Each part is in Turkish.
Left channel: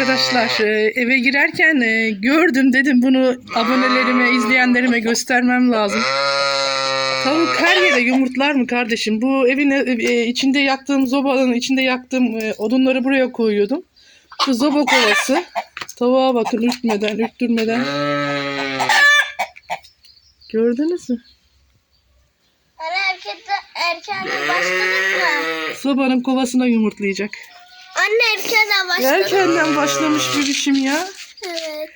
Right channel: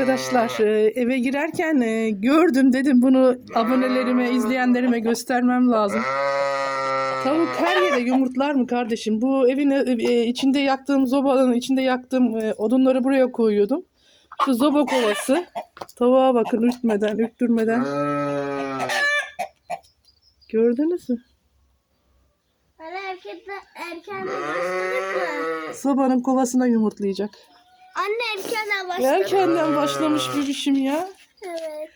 arkadaşlar. Ee, eve girerken e, gördüm dedim bunu abonelerime, izleyenlerime göstermem lazım. Tavuk her yere yumurtlar mı kardeşim? Bu evin e, içinde yaktığım zobanın içinde yaktığım e, odunları buraya koyuyordum. Şu zoba kovası. Tavuğa bakın ürkmeden, ürktürmeden. Gördünüz mü? Hani erkekten, erkenden başladık mı? Sobanın kovasına yumurtlayacak. Anne erkenden başladık. Erkenden başlamış bir biçim ya. Evet.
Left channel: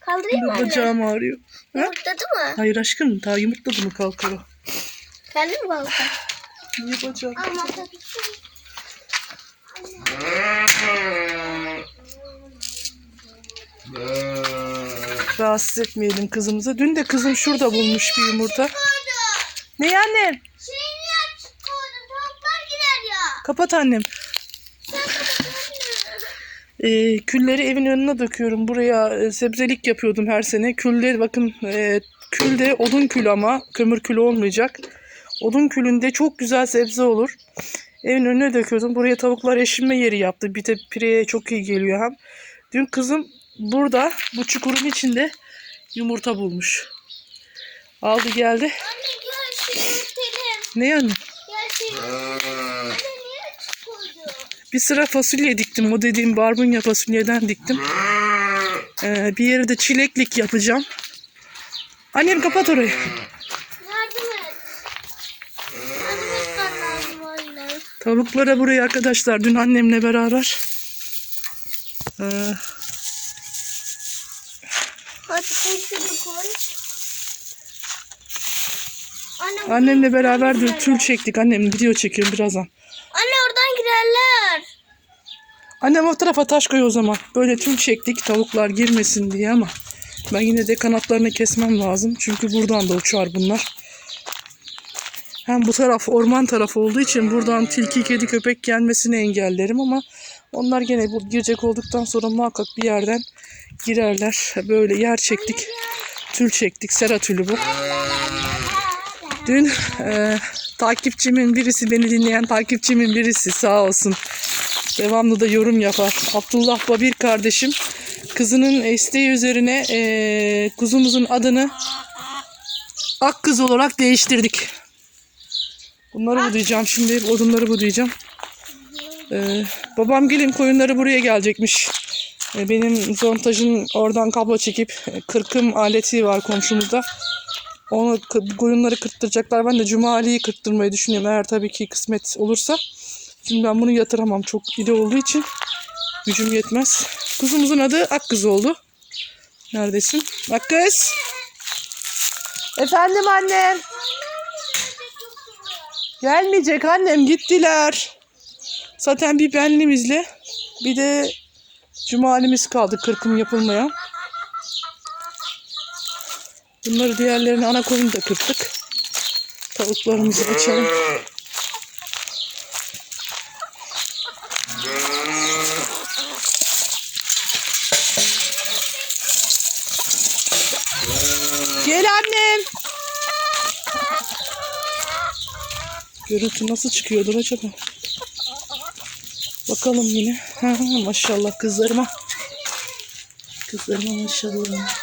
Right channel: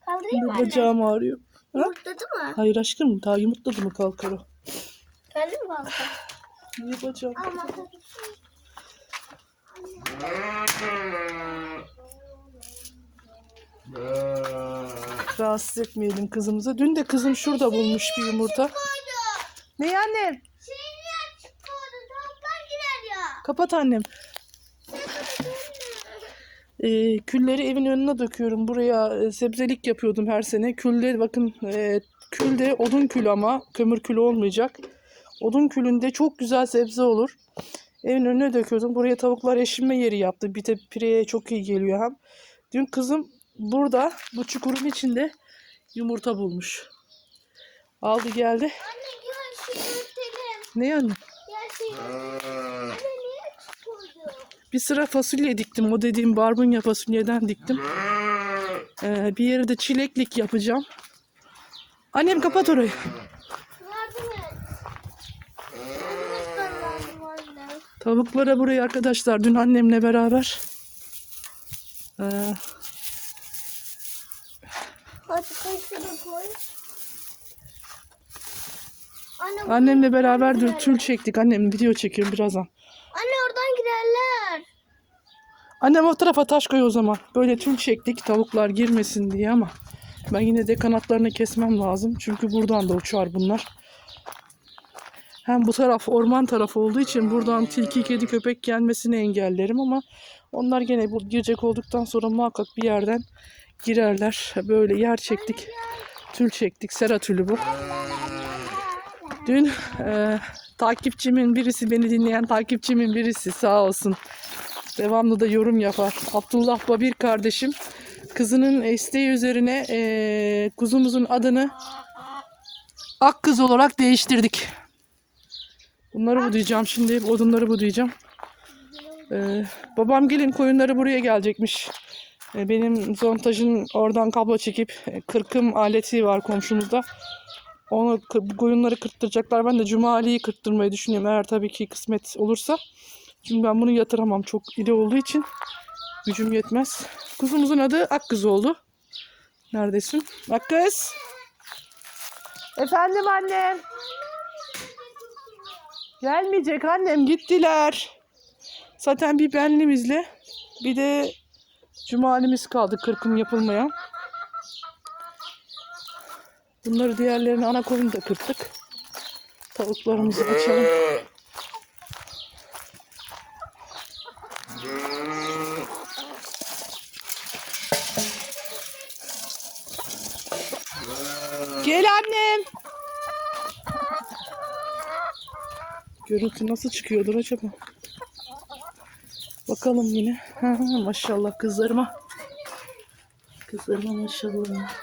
Kaldırayım mı anne? Bacağım ağrıyor. Ha? Yumurtladı mı? Hayır aşkım daha yumurtladı mı kalkalı? Kaldır mı balık? Niye bacağım? Ama tabii ki. Rahatsız etmeyelim kızımızı. Dün de kızım şurada bulmuş bir yumurta. Ne annem? Ya. Kapat annem. Ee, külleri evin önüne döküyorum. Buraya e, sebzelik yapıyordum her sene. Külde bakın e, külde odun külü ama kömür külü olmayacak. Odun külünde çok güzel sebze olur. Evin önüne döküyordum. Buraya tavuklar eşinme yeri yaptı. Bir de pireye çok iyi geliyor hem. Dün kızım burada bu çukurun içinde yumurta bulmuş. Aldı geldi. Anne gel örtelim. Ne yani? Gel şunu. Anne niye açık koydu? Bir sıra fasulye diktim. O dediğim barbunya fasulyeden diktim. Ee, bir yere de çileklik yapacağım. Annem kapat orayı. Yardım et. Yardım etmen lazım anne. Tavuklara buraya arkadaşlar dün annemle beraber ee, Hadi koy. Anne, annemle beraber dün tül çektik. Annem video çekiyor birazdan. Anne oradan girerler. Annem o tarafa taş koy o zaman. Böyle tül çektik tavuklar girmesin diye ama ben yine de kanatlarını kesmem lazım. Çünkü buradan da uçar bunlar. Hem bu taraf orman tarafı olduğu için buradan tilki, kedi, köpek gelmesini engellerim ama onlar gene bu girecek olduktan sonra muhakkak bir yerden girerler. Böyle yer çektik. Tül çektik. Sera tülü bu. Dün e, takipçimin birisi, beni dinleyen takipçimin birisi sağ olsun. Devamlı da yorum yapar. Abdullah Babir kardeşim kızının isteği üzerine e, kuzumuzun adını Akkız olarak değiştirdik. Bunları budayacağım şimdi. Odunları budayacağım. Ee, babam gelin koyunları buraya gelecekmiş. Ee, benim zontajın oradan kablo çekip e, kırkım aleti var komşumuzda. Onu koyunları kırptıracaklar. Ben de Cumali'yi kırptırmayı düşünüyorum. Eğer tabii ki kısmet olursa. Şimdi ben bunu yatıramam. Çok iri olduğu için gücüm yetmez. Kuzumuzun adı Akkız oldu. Neredesin? Akkız. Efendim annem. Gelmeyecek annem gittiler. Zaten bir benlimizle bir de cumalimiz kaldı kırkım yapılmayan. Bunları diğerlerini ana koyunu da kırptık. Tavuklarımızı açalım. Gel annem. Görüntü nasıl çıkıyordur acaba? Bakalım yine. Ha, maşallah kızlarıma. Kızlarıma maşallah.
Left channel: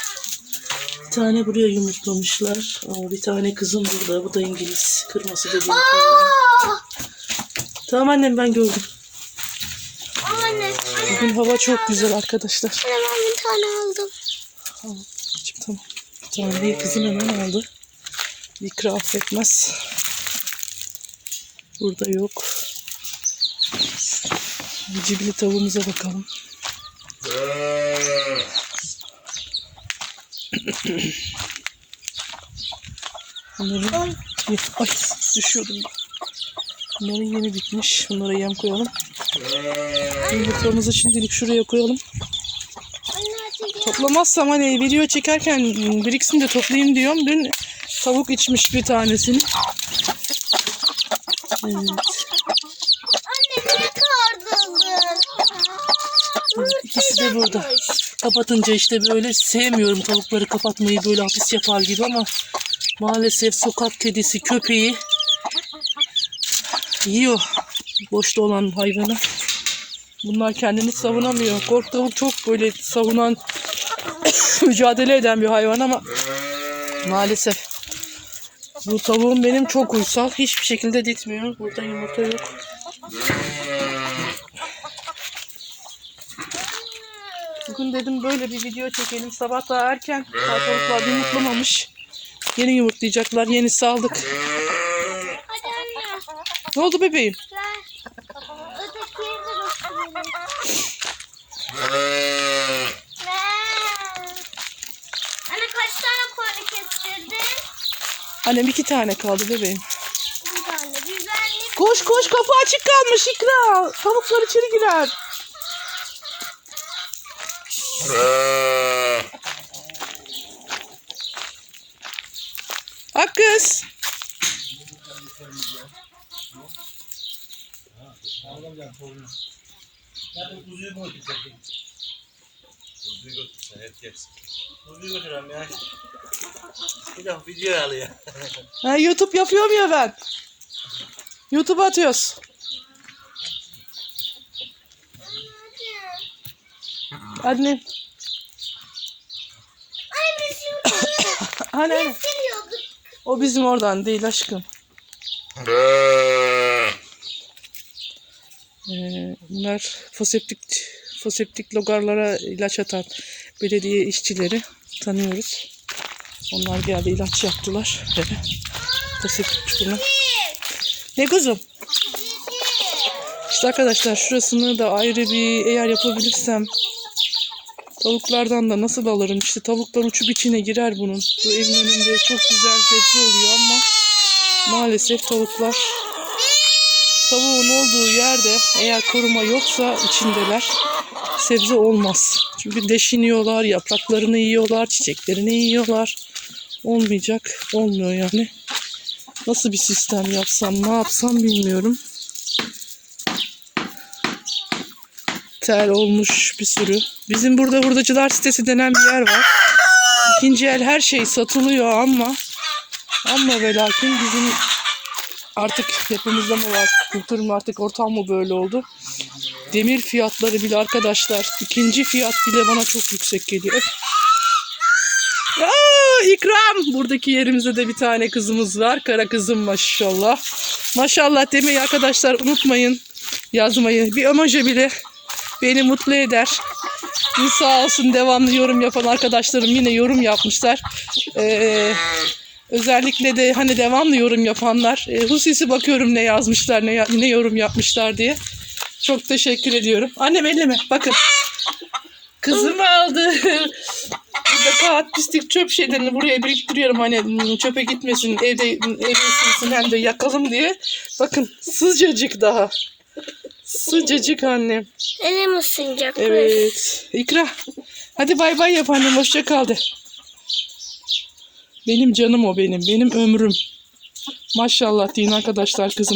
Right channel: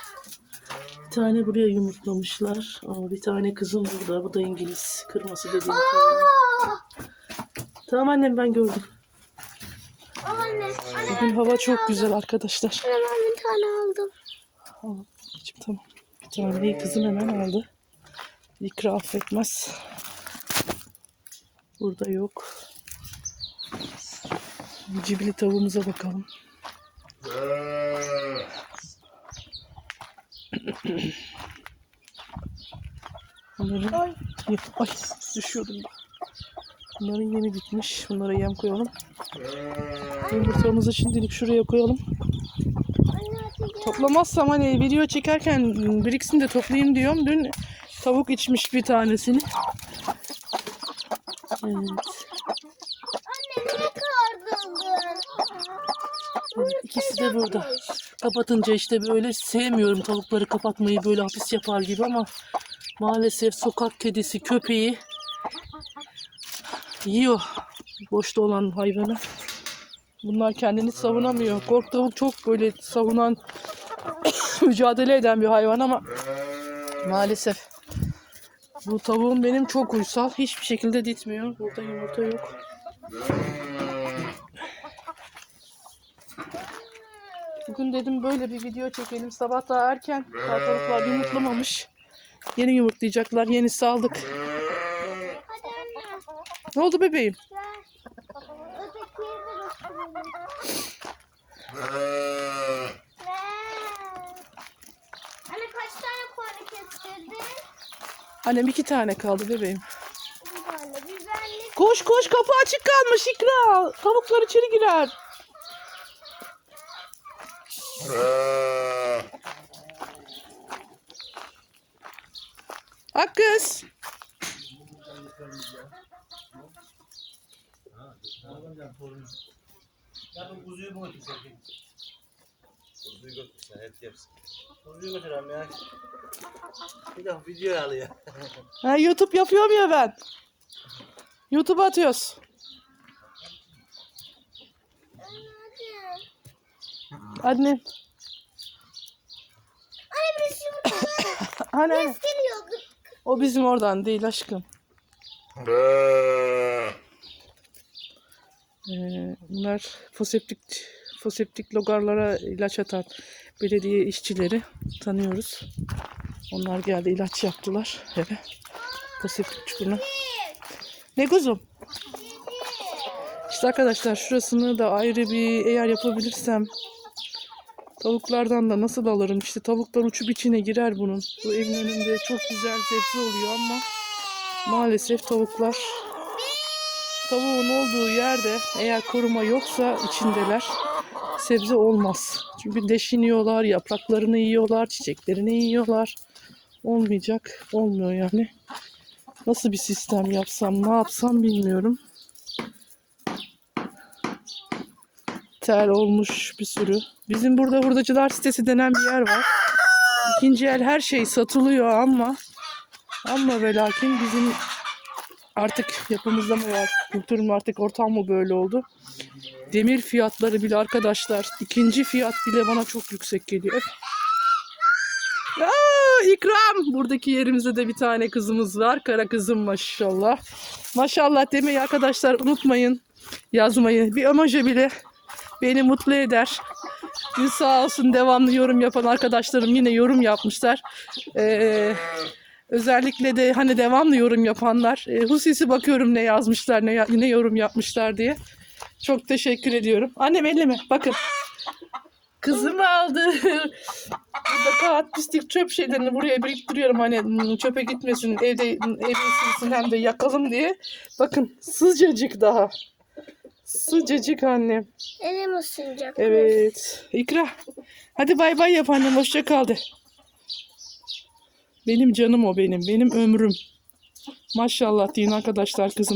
Bir tane buraya yumurtlamışlar. Ama bir tane kızım burada. Bu da İngiliz. Kırması tavuk. Tamam annem ben gördüm. Anne. Anne Bugün hava çok güzel arkadaşlar. ben bir tane aldım. Tamam. Tamam. Bir tane kızım hemen aldı. İkra affetmez. Burada yok. Cibili tavuğumuza bakalım. Bunların ay düşüyordum bak. Bunların yeni bitmiş. Bunlara yem koyalım. Yumurtamızı şimdilik şuraya koyalım. Toplamazsam hani video çekerken biriksin de toplayayım diyorum. Dün tavuk içmiş bir tanesini. Evet. Anne niye kardırdın? İkisi de burada. Kapatınca işte böyle sevmiyorum tavukları kapatmayı böyle hapis yapar gibi ama maalesef sokak kedisi köpeği yiyor boşta olan hayvanı. Bunlar kendini savunamıyor. Kork tavuk çok böyle savunan, mücadele eden bir hayvan ama maalesef bu tavuğum benim çok uysal. Hiçbir şekilde ditmiyor. Burada yumurta yok. Bugün dedim böyle bir video çekelim. Sabah daha erken. Daha tavuklar yumurtlamamış. Yeni yumurtlayacaklar. Yeni saldık. Ne oldu bebeğim? Annem iki tane kaldı bebeğim. Bir tane. Güzellik. Koş koş kapı açık kalmış İkra. Tavuklar içeri girer. Bak kız. Ya bu kuzuyu mu yersin. Ya. Bir de video alıyor. Ha, YouTube yapıyorum ya ben. YouTube atıyoruz. Anne. Anne biz şimdi Hani geliyorduk. o bizim oradan değil aşkım. Ee, bunlar foseptik foseptik logarlara ilaç atan belediye işçileri tanıyoruz. Onlar geldi ilaç yaptılar. Foseptik çukuruna. Ne kuzum? İşte arkadaşlar şurasını da ayrı bir eğer yapabilirsem tavuklardan da nasıl alırım? İşte tavuklar uçup içine girer bunun. Bu evin önünde çok güzel sebze oluyor ama maalesef tavuklar tavuğun olduğu yerde eğer koruma yoksa içindeler sebze olmaz. Çünkü deşiniyorlar, yapraklarını yiyorlar, çiçeklerini yiyorlar. Olmayacak, olmuyor yani. Nasıl bir sistem yapsam, ne yapsam bilmiyorum. Tel olmuş bir sürü. Bizim burada hurdacılar sitesi denen bir yer var. İkinci el her şey satılıyor ama ama ve lakin bizim artık yapımızda mı var, kültürüm artık ortam mı böyle oldu? Demir fiyatları bile arkadaşlar, ikinci fiyat bile bana çok yüksek geliyor. Aa, ikram! Buradaki yerimizde de bir tane kızımız var. Kara kızım maşallah. Maşallah demeyi arkadaşlar unutmayın. Yazmayı. Bir emoji bile beni mutlu eder. Sağ olsun devamlı yorum yapan arkadaşlarım yine yorum yapmışlar. Ee, özellikle de hani devamlı yorum yapanlar. E, hususi bakıyorum ne yazmışlar, ne, ne yorum yapmışlar diye. Çok teşekkür ediyorum. Annem elleme bakın. Kızım aldı. Burada kağıt, pislik, çöp şeylerini buraya biriktiriyorum. Hani çöpe gitmesin, evde evde ısınsın hem de yakalım diye. Bakın sıcacık daha. Sıcacık annem. Elim ısınacak. Evet. İkra. Hadi bay bay yap annem. Hoşça kal de. Benim canım o benim. Benim ömrüm. Maşallah deyin arkadaşlar kızım.